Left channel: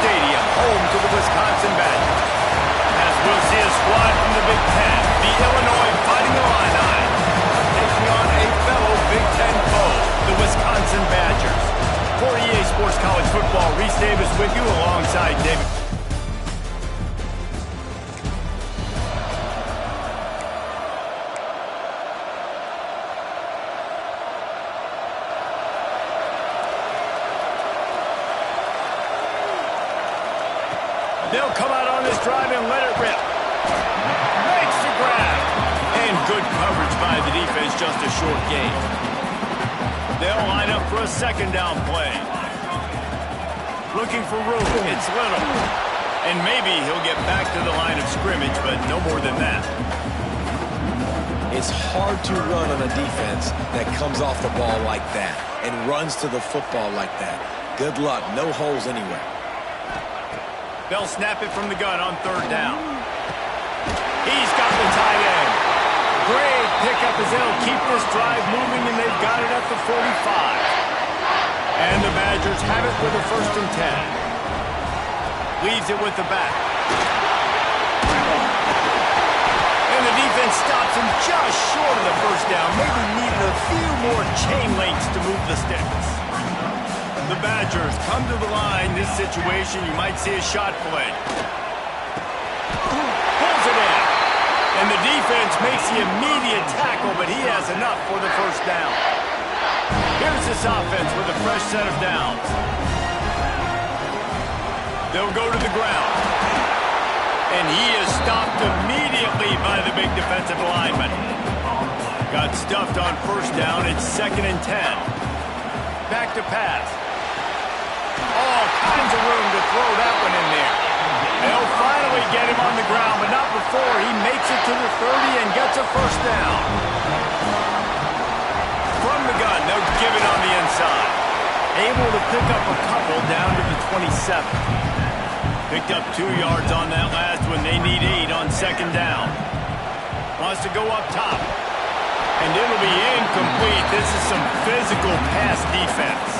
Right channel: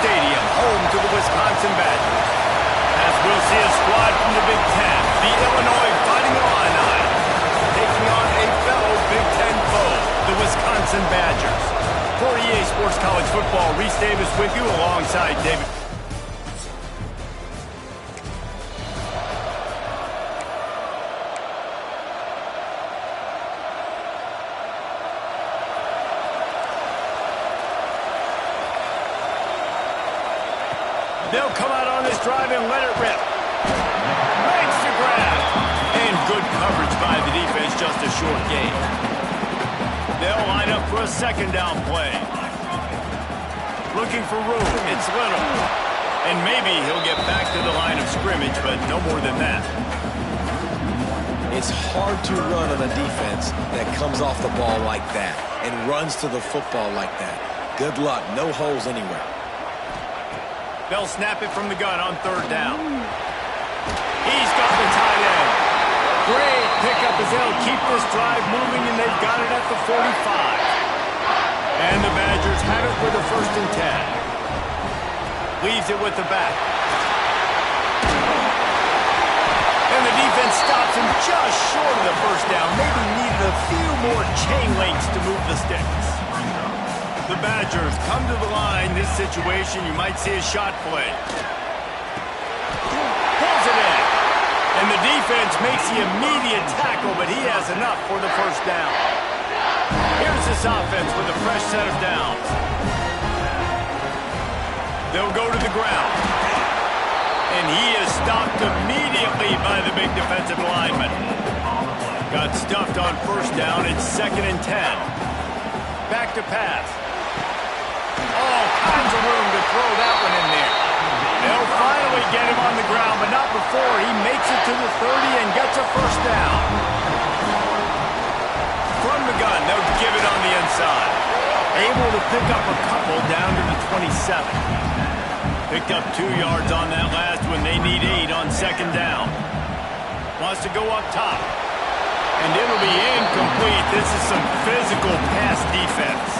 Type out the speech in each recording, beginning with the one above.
Stadium, home to the Wisconsin Badgers. As we'll see a squad from the Big Ten, the Illinois Fighting Illini, taking on a fellow Big Ten foe, the Wisconsin Badgers. For EA Sports College Football, Reese Davis with you alongside David. They'll come out on this drive and let it rip. Makes the grab. And good coverage by the defense, just a short gain. They'll line up for a second down play. Looking for room. It's little. And maybe he'll get back to the line of scrimmage, but no more than that. It's hard to run on a defense that comes off the ball like that and runs to the football like that. Good luck. No holes anywhere. They'll snap it from the gun on third down. He's got the tight end. Great pickup as they'll keep this drive moving, and they've got it at the 45. And the Badgers have it with a 1st and 10. Leaves it with the back. And the defense stops him just short of the 1st down. Maybe needed a few more chain links to move the sticks. The Badgers come to the line. This situation, you might see a shot play. Pulls it in. And the defense makes the immediate tackle, but he has enough for the 1st down. Here's this offense with a fresh set of downs. They'll go to the ground. And he is stopped immediately by the big defensive lineman. Got stuffed on 1st down. It's 2nd and 10. Back to pass. All kinds of room to throw that one in there. They'll finally get him on the ground, but not before he makes it to the 30 and gets a 1st down. From the gun, they'll give it on the inside. Able to pick up a couple down to the 27. Picked up 2 yards on that last one. They need 8 on 2nd down. Wants to go up top. And it'll be incomplete. This is some physical pass defense.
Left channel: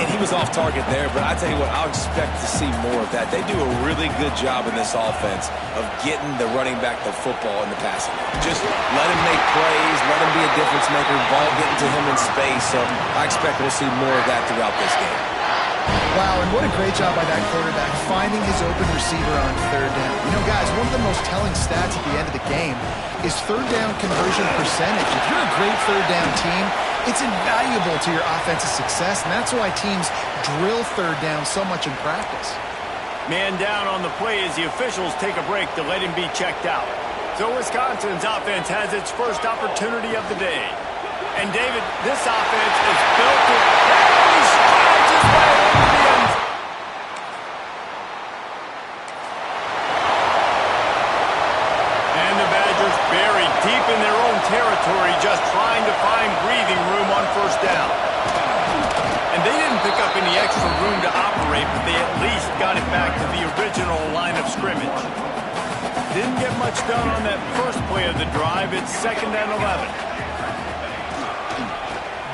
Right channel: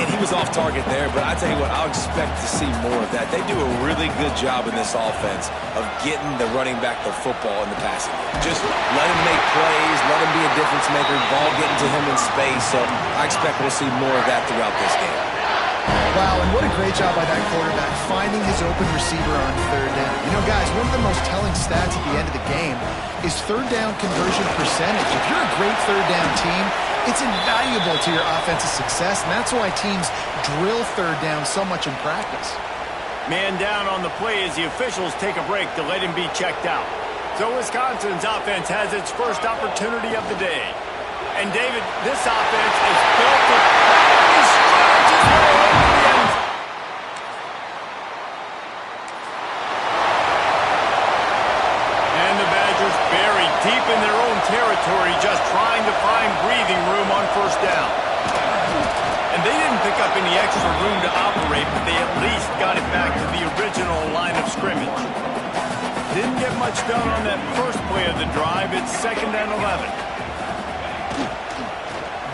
And he was off target there, but I tell you what, I'll expect to see more of that. They do a really good job in this offense of getting the running back the football in the passing game. Just let him make plays, let him be a difference maker, ball getting to him in space. So I expect we'll see more of that throughout this game. Wow, and what a great job by that quarterback finding his open receiver on 3rd down. You know, guys, one of the most telling stats at the end of the game is 3rd down conversion percentage. If you're a great 3rd down team, it's invaluable to your offensive success, and that's why teams drill 3rd down so much in practice. Man down on the play as the officials take a break to let him be checked out. So Wisconsin's offense has its first opportunity of the day. And David, this offense is built to... And he strides his way into the end zone. And the Badgers buried deep in their own territory, just trying to find breathing room on 1st down. And they didn't pick up any extra room to operate, but they at least got it back to the original line of scrimmage. Didn't get much done on that first play of the drive. It's 2nd and 11.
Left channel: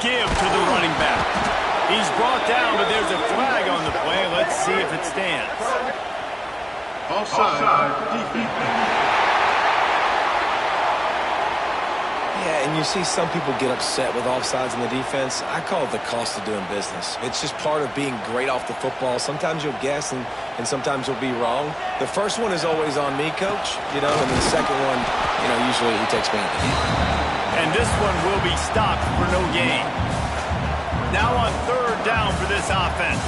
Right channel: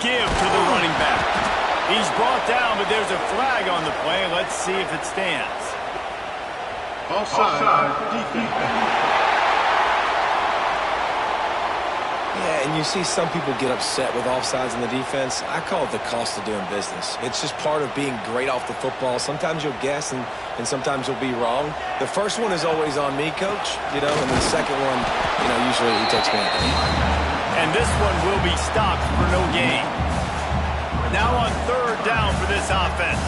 Give to the running back. He's brought down, but there's a flag on the play. Let's see if it stands. Offside. Defense. Yeah, and you see some people get upset with offsides in the defense. I call it the cost of doing business. It's just part of being great off the football. Sometimes you'll guess and sometimes you'll be wrong. The first one is always on me, Coach, and the second one, usually he takes me out the game. And this one will be stopped for no gain. Now on 3rd down for this offense.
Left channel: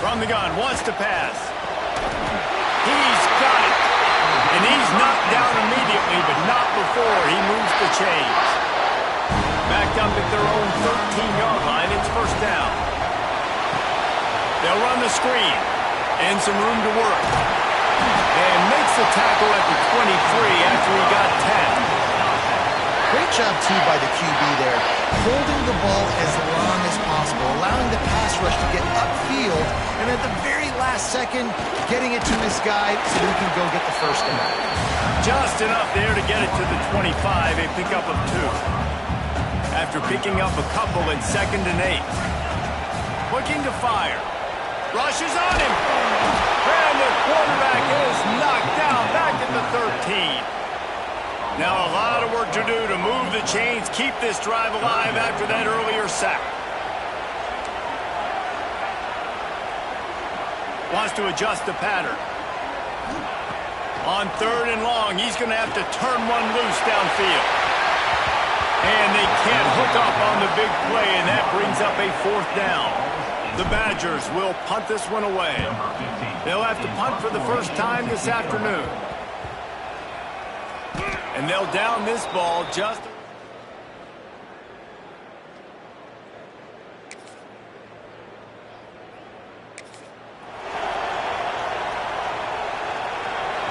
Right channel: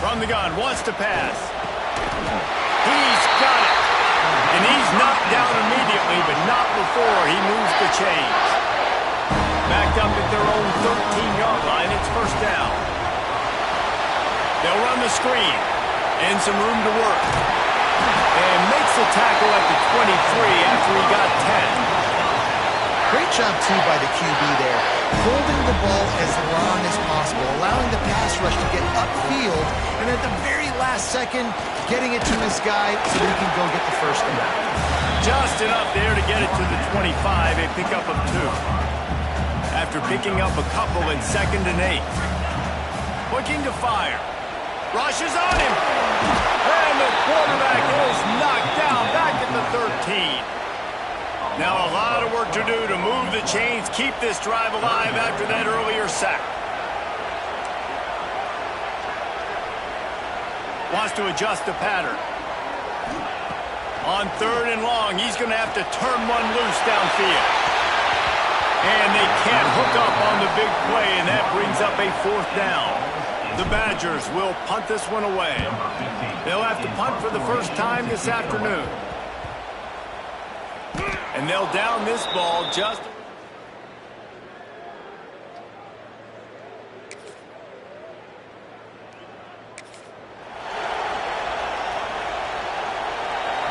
From the gun, wants to pass. He's got it. And he's knocked down immediately, but not before he moves the chains. Backed up at their own 13-yard line, it's 1st down. They'll run the screen. And some room to work. And makes the tackle at the 23 after he got 10. Great job, too, by the QB there, holding the ball as long as possible, allowing the pass rush to get upfield, and at the very last second, getting it to his guy so that he can go get the 1st down. Just enough there to get it to the 25, a pickup of 2. After picking up a couple in 2nd and 8. Looking to fire. Rushes on him. And the quarterback is knocked down back at the 13. Now a lot of work to do to move the chains, keep this drive alive after that earlier sack. Wants to adjust the pattern. On 3rd and long, he's going to have to turn one loose downfield. And they can't hook up on the big play, and that brings up a 4th down. The Badgers will punt this one away. They'll have to punt for the first time this afternoon. And they'll down this ball just...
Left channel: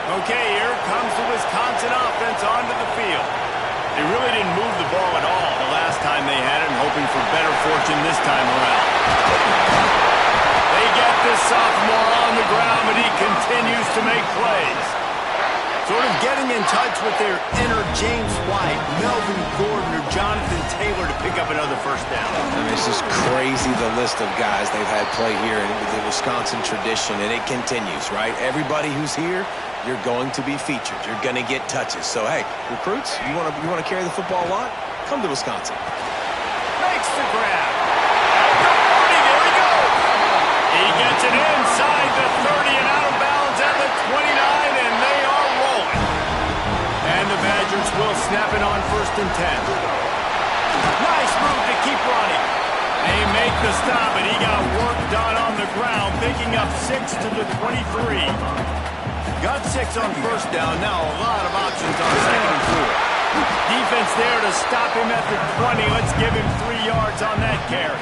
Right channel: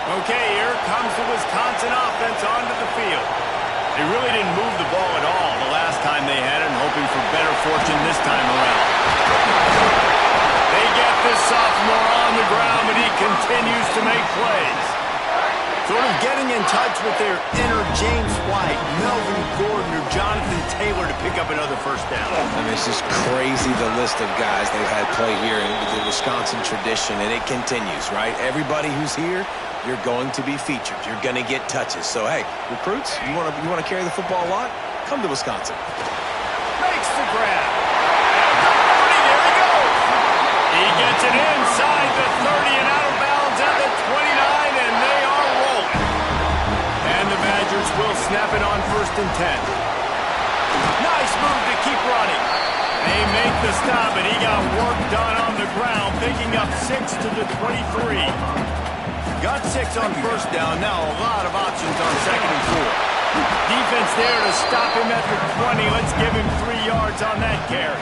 Okay, here comes the Wisconsin offense onto the field. They really didn't move the ball at all the last time they had it, and hoping for better fortune this time around. They get this sophomore on the ground, but he continues to make plays. Sort of getting in touch with their inner James White, Melvin Gordon, or Jonathan Taylor to pick up another first down. I mean, it's just crazy the list of guys they've had play here in the Wisconsin tradition, and it continues, right? Everybody who's here, you're going to be featured. You're going to get touches. So, hey, recruits, you want to carry the football a lot? Come to Wisconsin. Makes the grab. At the 40, there he goes. He gets it inside the 30 and out of bounds at the 29, and they are rolling. And the Badgers will snap it on 1st and 10. Nice move to keep running. They make the stop, and he got work done on the ground, picking up 6 to the 23. Got 6 on 1st down. Now a lot of options on 2nd and 4. Defense there to stop him at the 20. Let's give him 3 yards on that carry.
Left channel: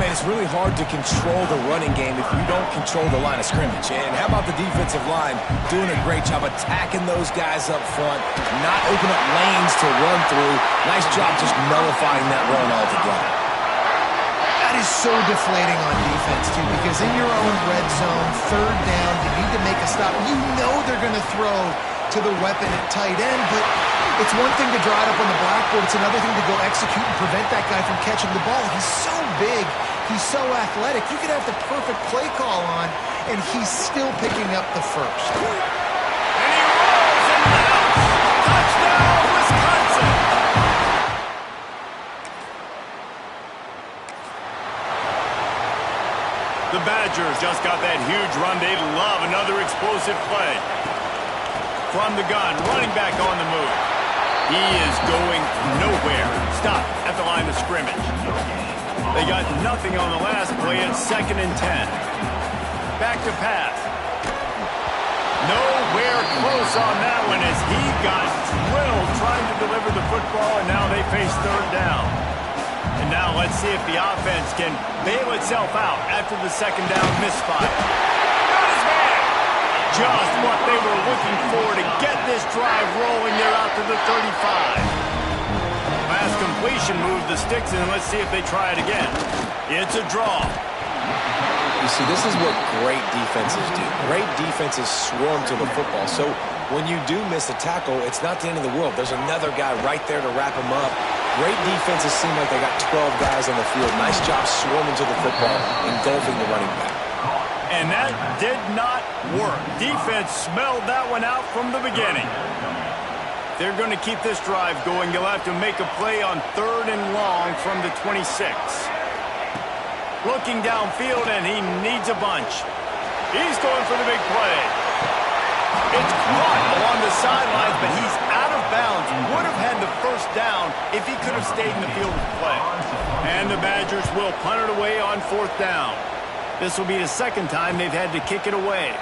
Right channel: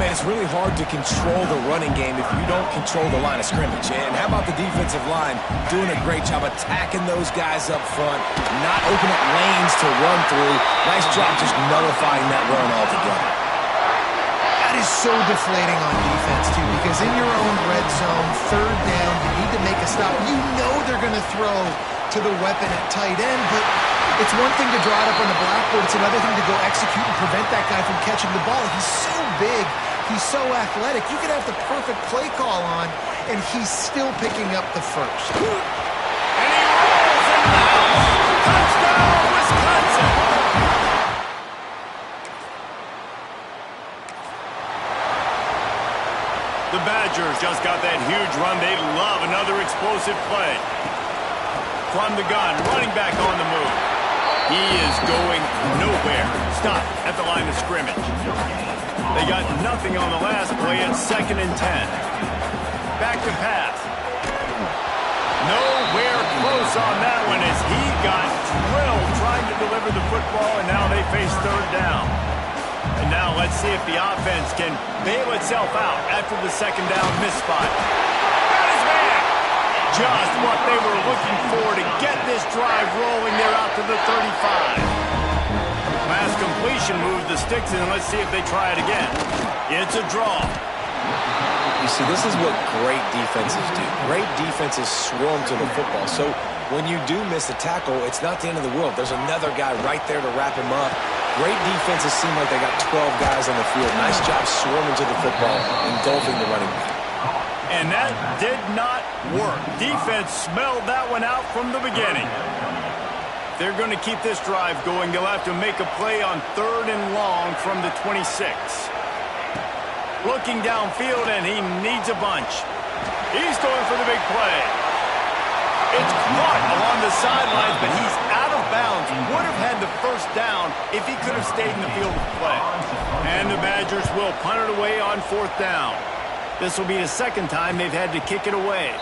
Man, it's really hard to control the running game if you don't control the line of scrimmage. And how about the defensive line doing a great job attacking those guys up front, not open up lanes to run through. Nice job just nullifying that run altogether. That is so deflating on defense, too, because in your own red zone, 3rd down, you need to make a stop. You know they're going to throw to the weapon at tight end, but it's one thing to draw it up on the blackboard. It's another thing to go execute and prevent that guy from catching the ball. He's so big. He's so athletic. You could have the perfect play call on, and he's still picking up the first. And he rolls into the house. Touchdown, Wisconsin! The Badgers just got that huge run. They'd love another explosive play. From the gun, running back on the move. He is going nowhere. Stop at the line of scrimmage. They got nothing on the last play. It's 2nd and 10. Back to pass. Nowhere close on that one as he got drilled trying to deliver the football, and now they face 3rd down. And now let's see if the offense can bail itself out after the 2nd down misfire. Got his man. Just what they were looking for to get this drive rolling. They're out to the 35. Pass completion moved the sticks in. Let's see if they try it again. It's a draw. You see, this is what great defenses do. Great defenses swarm to the football. So when you do miss a tackle, it's not the end of the world. There's another guy right there to wrap him up. Great defenses seem like they got 12 guys on the field. Nice job swarming to the football, engulfing the running back. And that did not work. Defense smelled that one out from the beginning. They're going to keep this drive going. They'll have to make a play on 3rd and long from the 26. Looking downfield, and he needs a bunch. He's going for the big play. It's caught along the sidelines, but he's out of bounds. Would have had the first down if he could have stayed in the field of play. And the Badgers will punt it away on 4th down. This will be the 2nd time they've had to kick it away.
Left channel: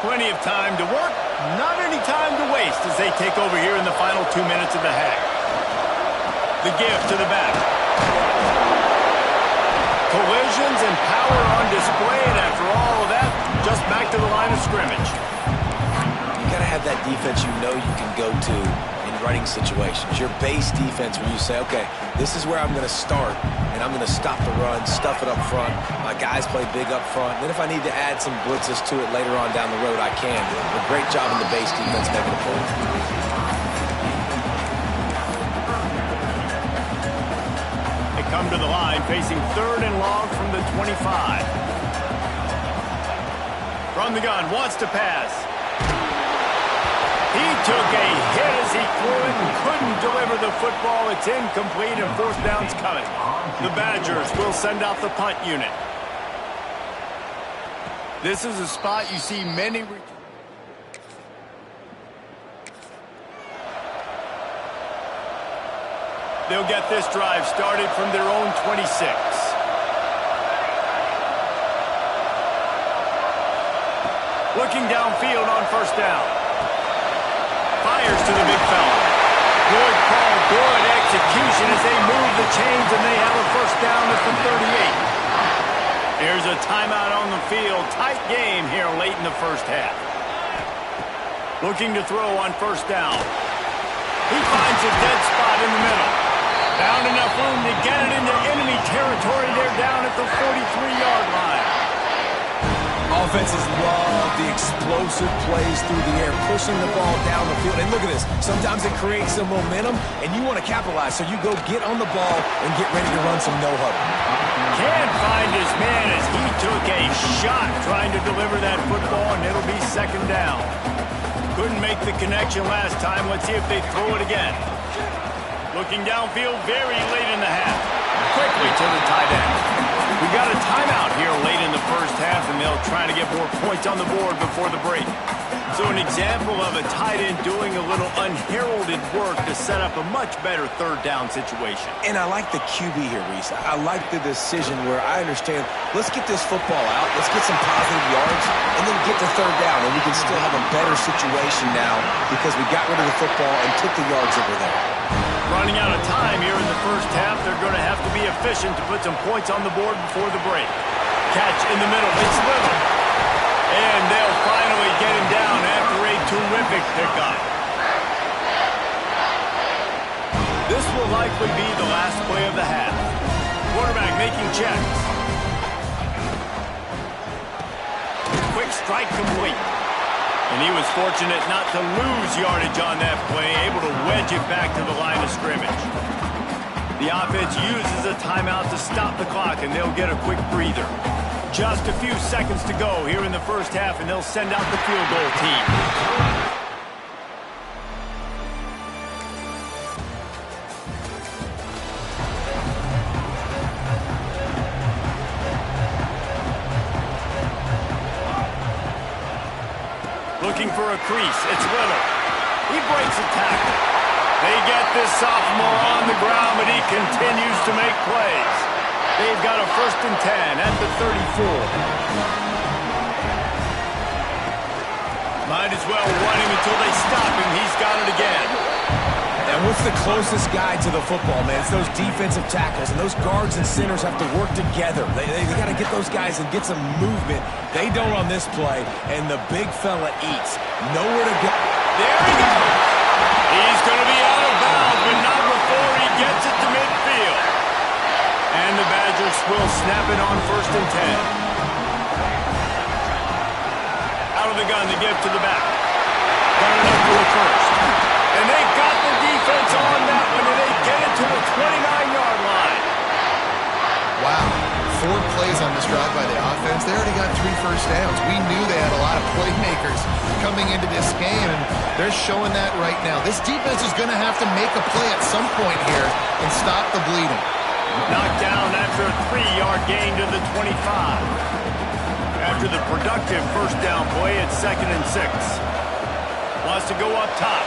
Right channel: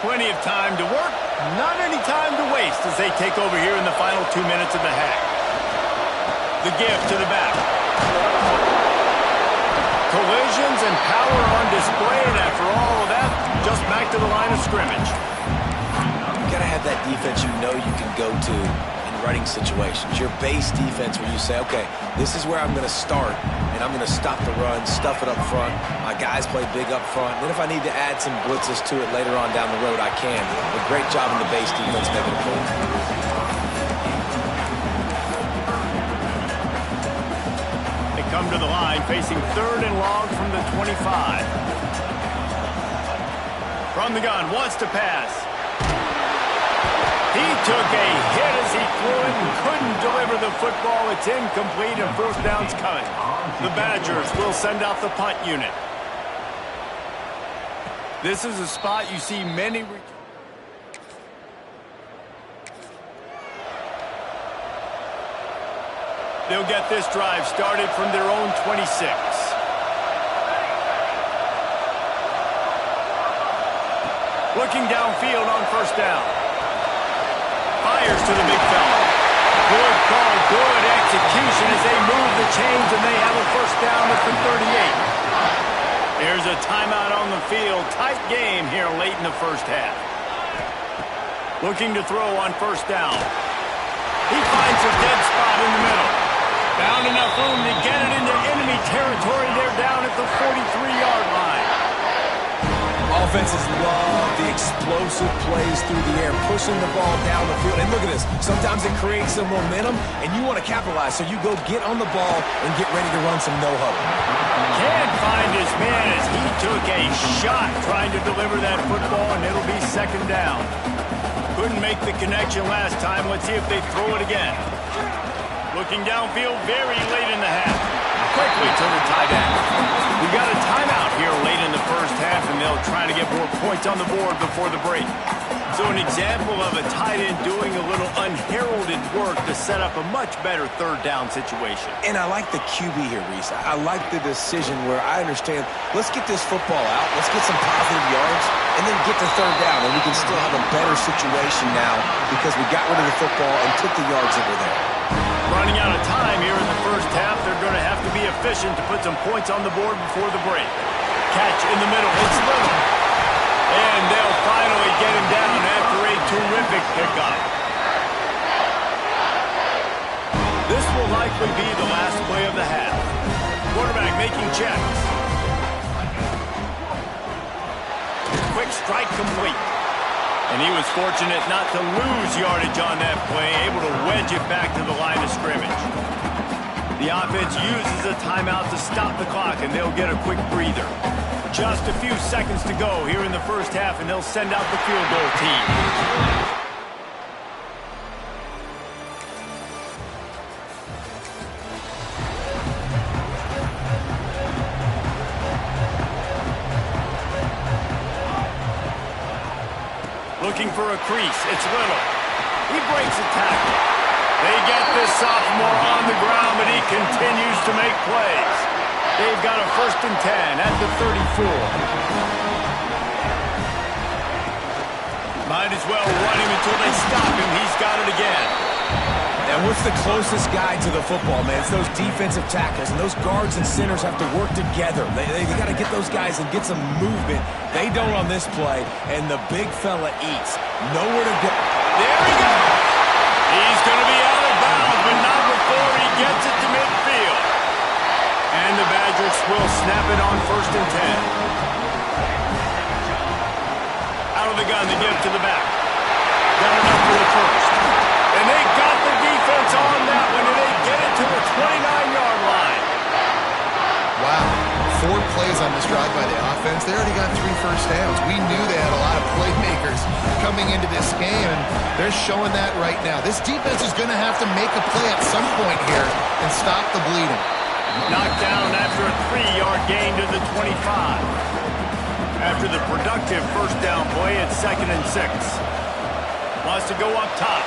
Plenty of time to work, not any time to waste as they take over here in the final 2 minutes of the half. The give to the back. Collisions and power on display, and after all of that, just back to the line of scrimmage. You got to have that defense you know you can go to in running situations. Your base defense where you say, okay, this is where I'm going to start, and I'm going to stop the run, stuff it up front. My guys play big up front. Then if I need to add some blitzes to it later on down the road, I can. A great job in the base defense making a play. come to the line, facing 3rd and long from the 25. From the gun, wants to pass. He took a hit as he threw it and couldn't deliver the football. It's incomplete and 4th down's coming. The Badgers will send out the punt unit. This is a spot you see many... They'll get this drive started from their own 26. Looking downfield on 1st down. Fires to the big fella. Good call, good execution as they move the chains, and they have a 1st down at the 38. Here's a timeout on the field. Tight game here late in the 1st half. Looking to throw on 1st down. He finds a dead spot in the middle. Found enough room to get it into enemy territory. They're down at the 43-yard line. Offenses love the explosive plays through the air, pushing the ball down the field. And look at this. Sometimes it creates some momentum, and you want to capitalize. So you go get on the ball and get ready to run some no-huddle. Can't find his man as he took a shot trying to deliver that football, and it'll be 2nd down. Couldn't make the connection last time. Let's see if they throw it again. Looking downfield very late in the half. Quickly to the tight end. We got a timeout here late in the 1st half, and they'll try to get more points on the board before the break. So an example of a tight end doing a little unheralded work to set up a much better 3rd down situation. And I like the QB here, Reese. I like the decision where I understand, let's get this football out, let's get some positive yards, and then get to 3rd down, and we can still have a better situation now because we got rid of the football and took the yards that were there. Running out of time here in the 1st half. They're going to have to be efficient to put some points on the board before the break. Catch in the middle. It's Little. And they'll finally get him down after a terrific pickup. This will likely be the last play of the half. Quarterback making checks. Quick strike complete. And he was fortunate not to lose yardage on that play, able to wedge it back to the line of scrimmage. The offense uses a timeout to stop the clock, and they'll get a quick breather. Just a few seconds to go here in the 1st half, and they'll send out the field goal team. Looking for a crease. It's Little. He breaks a tackle. They get this sophomore on the ground, but he continues to make plays. They've got a 1st and 10 at the 34. Might as well run him until they stop him. He's got it again. And what's the closest guy to the football, man? It's those defensive tackles, and those guards and centers have to work together. They got to get those guys and get some movement. They don't on this play, and the big fella eats. Nowhere to go. There he goes. He's going to be out of bounds, but not before he gets it to midfield. And the Badgers will snap it on 1st and 10. Out of the gun, the give to the back. Got enough for the 1st. And they got the defense on that one, and they get it to the 29-yard line. Wow. 4 plays on this drive by the offense. They already got 3 first downs. We knew they had a lot of playmakers coming into this game, and they're showing that right now. This defense is going to have to make a play at some point here and stop the bleeding. Knocked down after a 3-yard gain to the 25. After the productive 1st down play, it's 2nd and 6. Wants to go up top.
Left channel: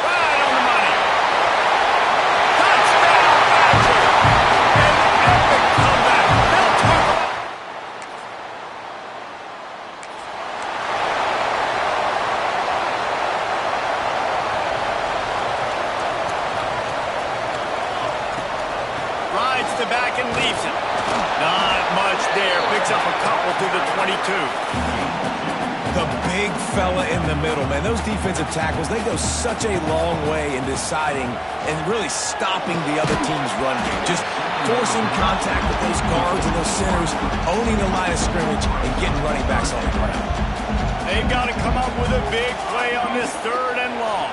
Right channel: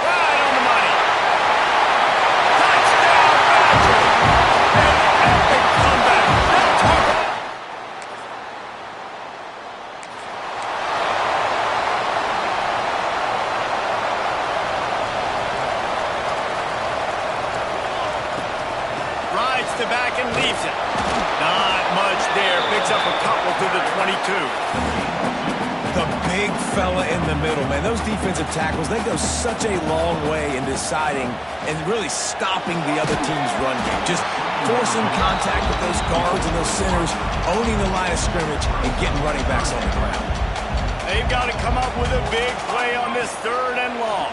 Right on the money. Touchdown, Badger! An epic comeback. Now talk about... Rides to back and leaves it. Not much there. Picks up a couple to the 22. The big fella in the middle, man. Those defensive tackles, they go such a long way in deciding and really stopping the other team's run game. Just forcing contact with those guards and those centers, owning the line of scrimmage, and getting running backs on the ground. They've got to come up with a big play on this 3rd and long.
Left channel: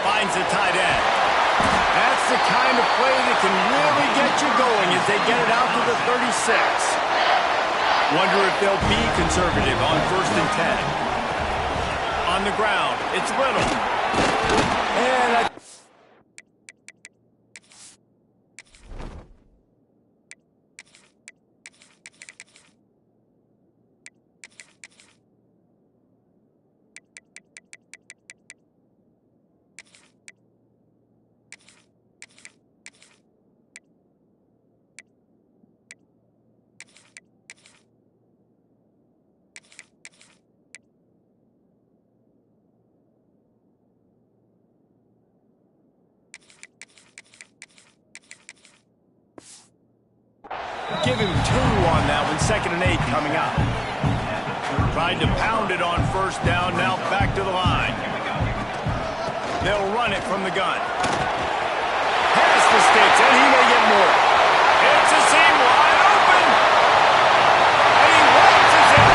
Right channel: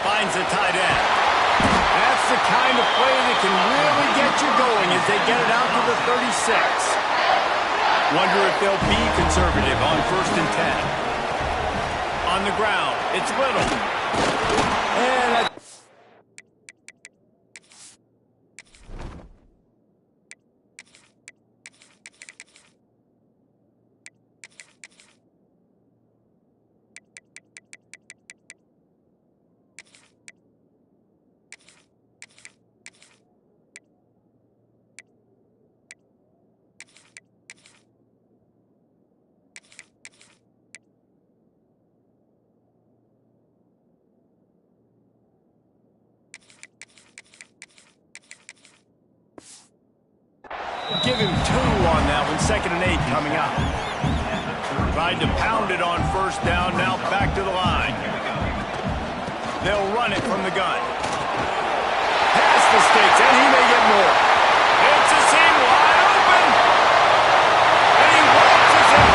Finds the tight end. That's the kind of play that can really get you going as they get it out to the 36. Wonder if they'll be conservative on 1st and 10. On the ground, it's Little. And give him 2 on that one. 2nd and 8 coming up. Tried to pound it on 1st down. Now back to the line. They'll run it from the gun. Past the sticks, and he may get more. It's a seam wide open. And he waltzes it.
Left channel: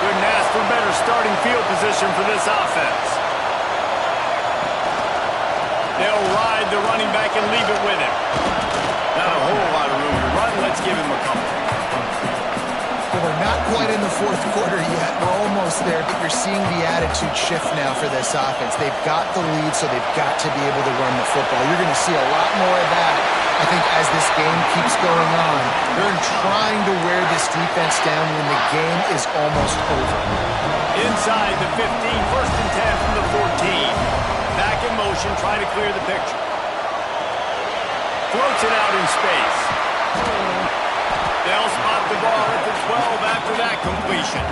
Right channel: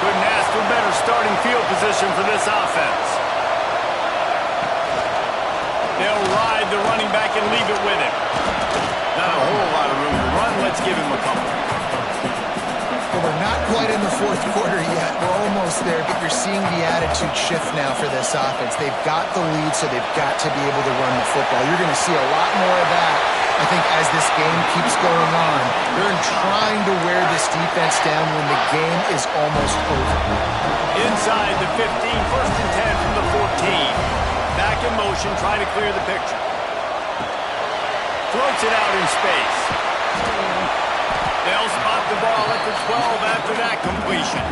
Couldn't ask for better starting field position for this offense. They'll ride the running back and leave it with him. Not a whole lot of room to run. Let's give him a couple. Well, we're not quite in the 4th quarter yet. We're almost there, but you're seeing the attitude shift now for this offense. They've got the lead, so they've got to be able to run the football. You're going to see a lot more of that, I think, as this game keeps going on. They're trying to wear this defense down when the game is almost over. Inside the 15, 1st and 10 from the 14. Back in motion, trying to clear the picture. Floats it out in space. They'll spot the ball at the 12 after that completion.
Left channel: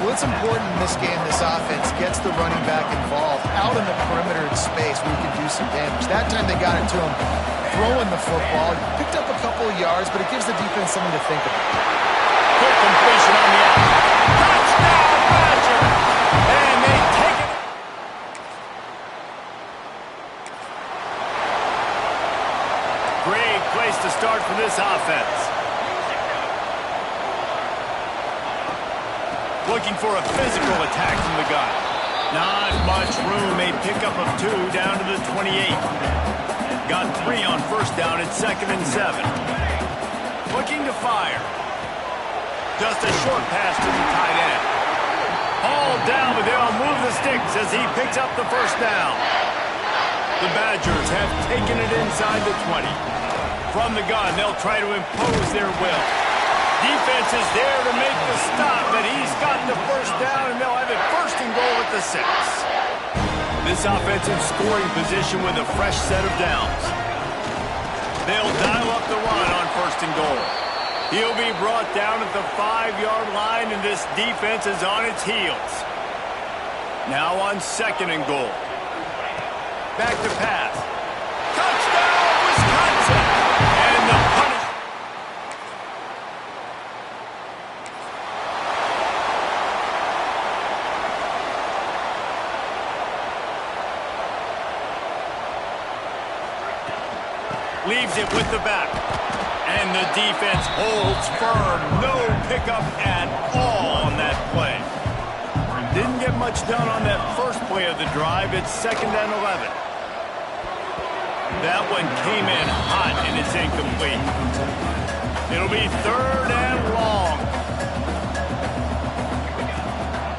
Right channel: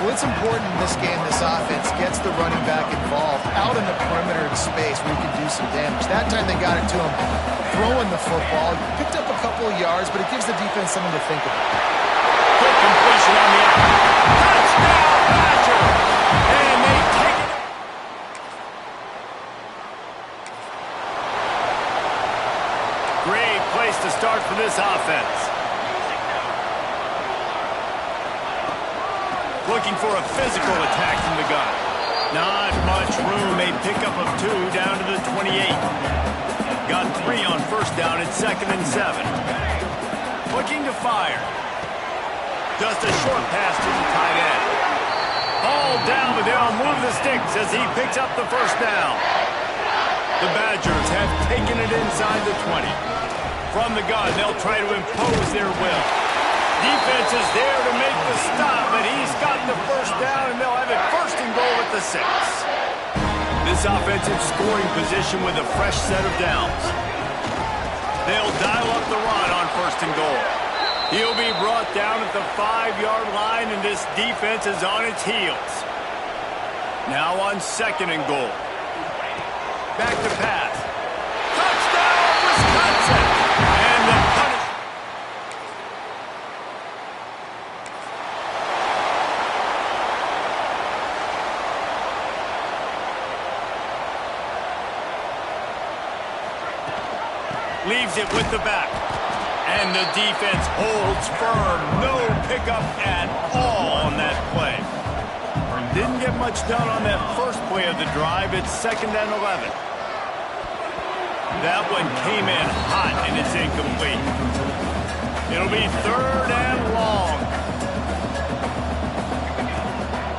Well, it's important in this game, this offense gets the running back involved out in the perimeter in space where he can do some damage. That time they got it to him throwing the football. Picked up a couple of yards, but it gives the defense something to think about. Quick completion on the out. Touchdown, Badger! And they take it. Great place to start for this offense. Looking for a physical attack from the gun. Not much room. A pickup of 2 down to the 28. Got 3 on 1st down at 2nd and 7. Looking to fire. Just a short pass to the tight end. All down, but they'll move the sticks as he picks up the 1st down. The Badgers have taken it inside the 20. From the gun, they'll try to impose their will. Defense is there to make the stop, but he's got the 1st down, and they'll have it 1st and goal at the 6. This offensive scoring position with a fresh set of downs. They'll dial up the run on 1st and goal. He'll be brought down at the 5-yard line, and this defense is on its heels. Now on 2nd and goal. Back to pass. Touchdown, Wisconsin! And the punish. Leaves it with the back. And the defense holds firm. No pickup at all on that play. Didn't get much done on that first play of the drive. It's 2nd and 11. That one came in hot, and it's incomplete. It'll be 3rd and long.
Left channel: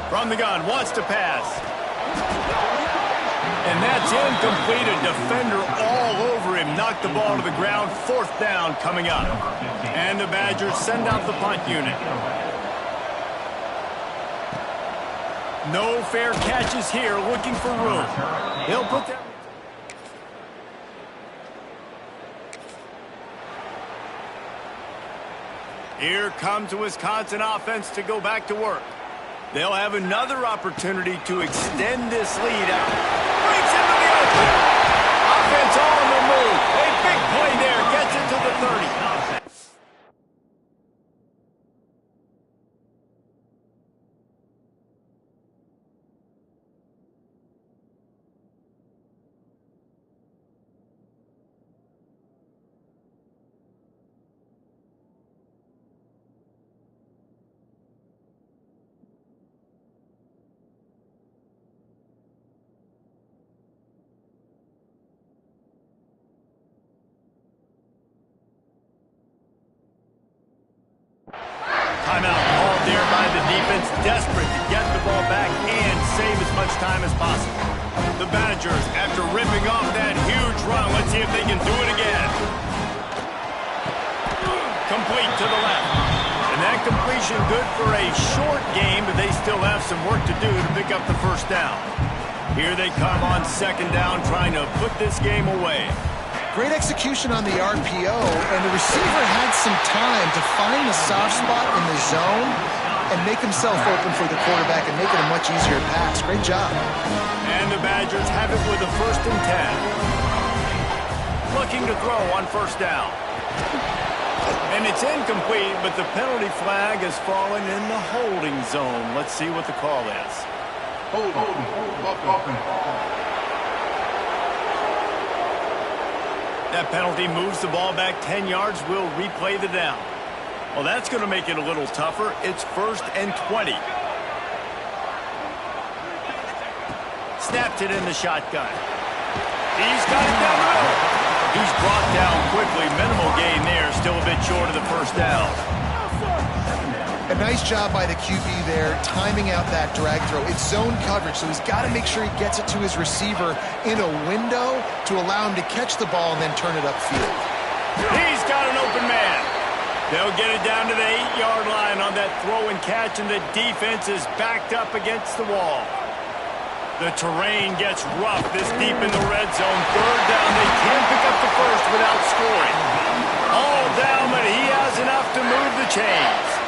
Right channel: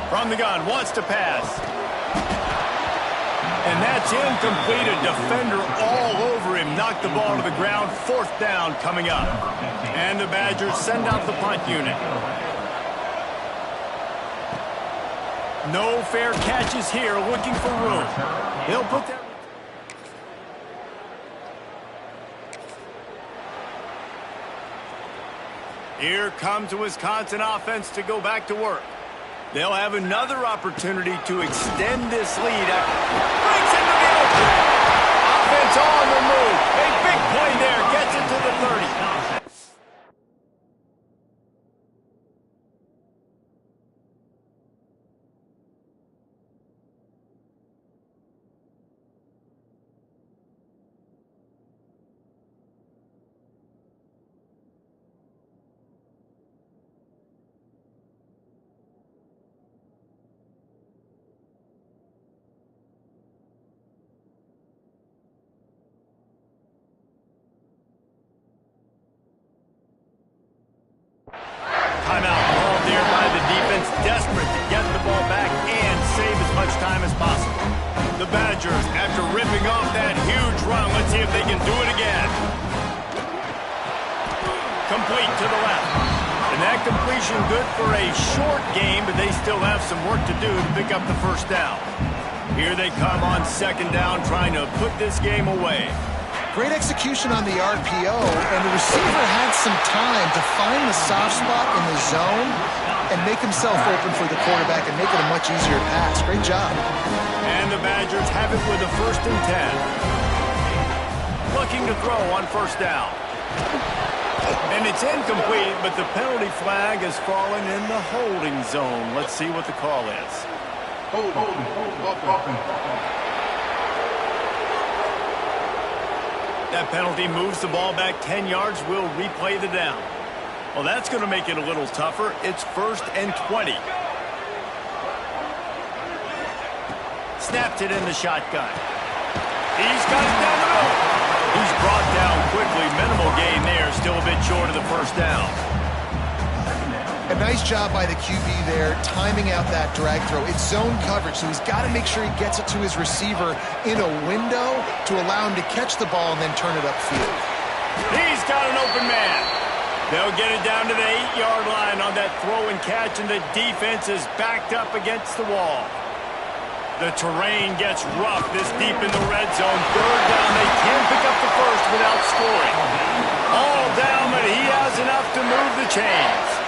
From the gun, wants to pass. And that's incomplete. A defender all over him. Knocked the ball to the ground. 4th down coming up. And the Badgers send out the punt unit. No fair catches here. Looking for room. He'll put that... Here comes the Wisconsin offense to go back to work. They'll have another opportunity to extend this lead. Breaks into the open. Offense on the move. A big play there. Gets it to the 30. Timeout called there by the defense, desperate to get the ball back and save as much time as possible. The Badgers, after ripping off that huge run, let's see if they can do it again. Complete to the left. And that completion good for a short game, but they still have some work to do to pick up the first down. Here they come on second down, trying to put this game away. Great execution on the RPO, and the receiver had some time to find the soft spot in the zone and make himself open for the quarterback and make it a much easier pass. Great job. And the Badgers have it with a 1st and 10. Looking to throw on first down. And it's incomplete, but the penalty flag has fallen in the holding zone. Let's see what the call is. That penalty moves the ball back 10 yards. We'll replay the down. Well, that's going to make it a little tougher. It's 1st and 20. Snapped it in the shotgun. He's got it down the middle. He's brought down quickly. Minimal gain there. Still a bit short of the first down. A nice job by the QB there, timing out that drag throw. It's zone coverage, so he's got to make sure he gets it to his receiver in a window to allow him to catch the ball and then turn it upfield. He's got an open man. They'll get it down to the 8-yard line on that throw and catch, and the defense is backed up against the wall. The terrain gets rough this deep in the red zone. Third down, they can't pick up the first without scoring. All down, but he has enough to move the chains.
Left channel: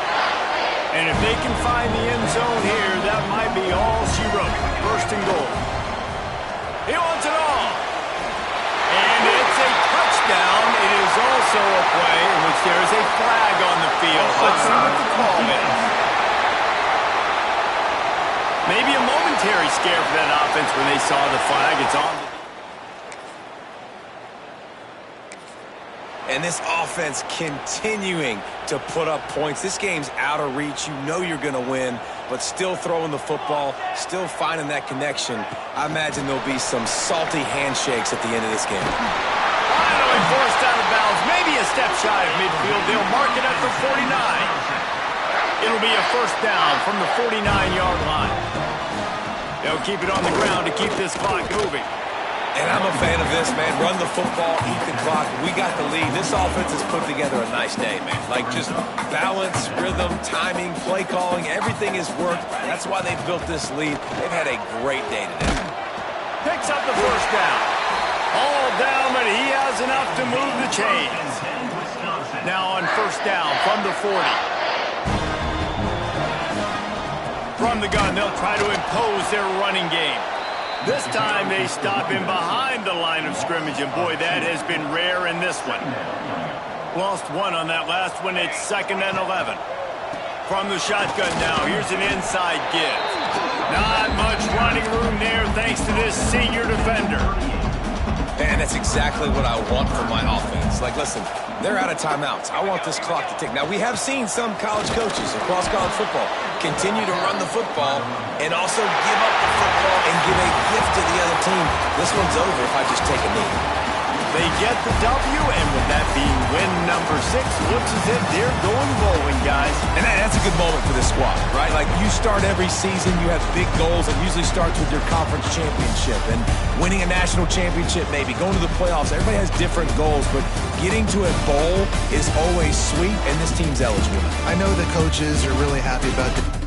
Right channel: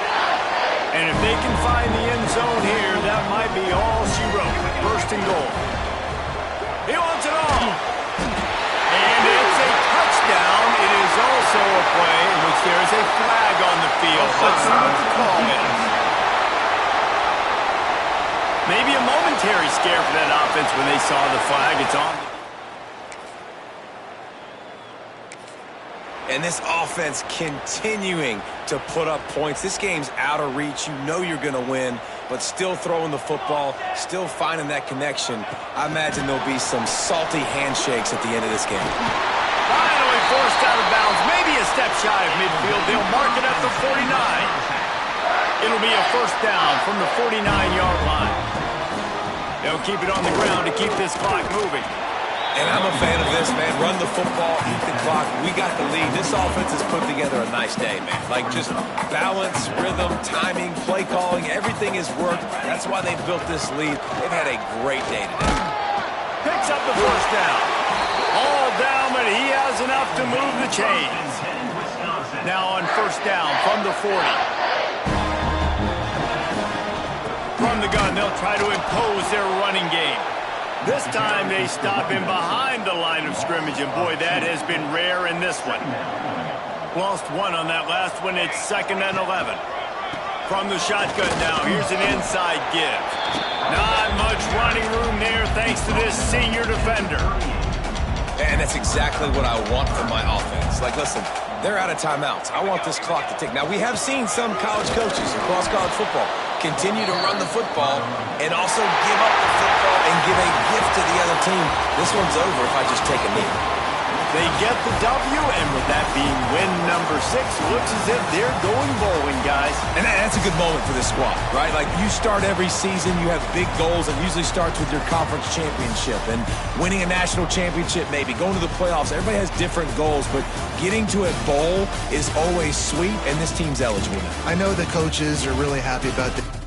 And if they can find the end zone here, that might be all she wrote. 1st and goal. He wants it all. And it's a touchdown. It is also a play in which there is a flag on the field. Let's see what the call is. Maybe a momentary scare for that offense when they saw the flag. It's on the... And this offense continuing to put up points. This game's out of reach. You know you're going to win, but still throwing the football, still finding that connection. I imagine there'll be some salty handshakes at the end of this game. Finally forced out of bounds. Maybe a step shy of midfield. They'll mark it at the 49. It'll be a first down from the 49-yard line. They'll keep it on the ground to keep this clock moving. And I'm a fan of this, man. Run the football, eat the clock. We got the lead. This offense has put together a nice day, man. Like just balance, rhythm, timing, play calling, everything has worked. That's why they built this lead. They've had a great day today. Picks up the first down. All down, but he has enough to move the chains. Now on first down from the 40. From the gun, they'll try to impose their running game. This time they stop him behind the line of scrimmage, and boy, that has been rare in this one. Lost one on that last one. It's 2nd and 11. From the shotgun now, here's an inside give. Not much running room there thanks to this senior defender. And that's exactly what I want from my offense. Like, listen, they're out of timeouts. I want this clock to tick. Now, we have seen some college coaches across college football continue to run the football and also give up the football and give a gift to the other team. This one's over if I just take a knee. They get the W, and with that being win number 6, looks as if they're going bowling, guys. And that's a good moment for this squad, right? Like, you start every season, you have big goals. It usually starts with your conference championship and winning a national championship, maybe going to the playoffs. Everybody has different goals, but getting to a bowl is always sweet, and this team's eligible now. I know the coaches are really happy about the